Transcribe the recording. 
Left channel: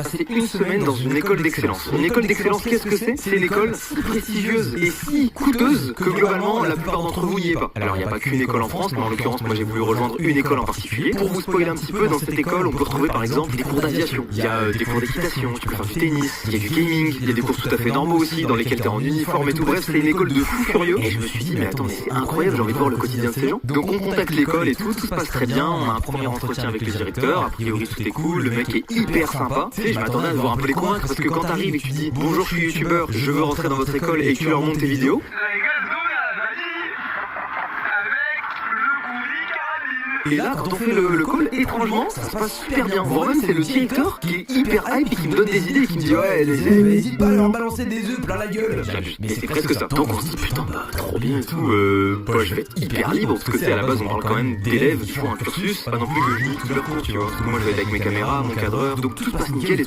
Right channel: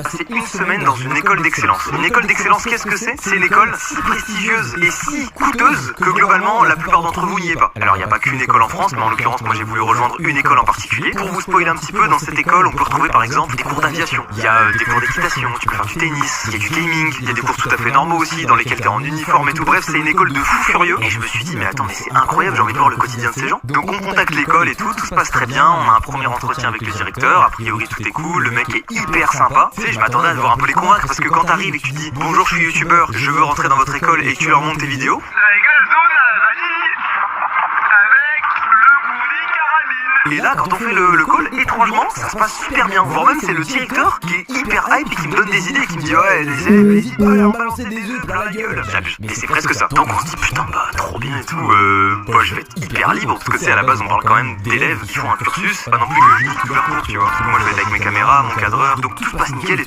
Passer une semaine dans une école d'excellence. Une école d'excellence, qu'est-ce que c'est? C'est une école si prestigieuse et si coûteuse que globalement la plupart d'entre vous n'y est pas. Alors il n'y a pas qu'une école en France, mais en l'occurrence moi j'ai voulu rejoindre une école en particulier. Pour vous spoiler un petit peu, dans cette école on peut retrouver par exemple des cours d'aviation, il y a des cours d'équitation, tu peux faire du tennis, il y a du gaming, il y a des cours tout à fait normaux aussi dans lesquels t'es en uniforme et tout. Bref, c'est une école de fous furieux. Et je me suis dit mais attends, mais c'est incroyable, j'ai envie de voir le quotidien de ces gens. Donc on contacte l'école et tout se passe très bien, on a un premier entretien avec le directeur, a priori tout est cool, le mec est hyper sympa. Tu sais, je m'attendais à devoir un peu les convaincre parce que quand t'arrives et que tu dis bonjour, je suis youtubeur, je veux rentrer dans votre école et que tu leur montres tes vidéos. Et là, quand on fait le call, étrangement, ça se passe super bien. Voire même, c'est le directeur qui est hyper hype et qui me donne des idées et qui me dit ouais, les élèves, n'hésite pas à leur balancer des œufs plein la gueule. Mais c'est presque ça. Donc on se dit putain, bah trop bien et tout. Bah je vais être hyper libre parce que c'est à la base, on parle quand même d'élèves qui font un cursus. Pas non plus que je lis tout leur cours, tu vois. Parce que moi, je vais être avec mes caméras, mon cadreur, donc tout se passe nickel et tout.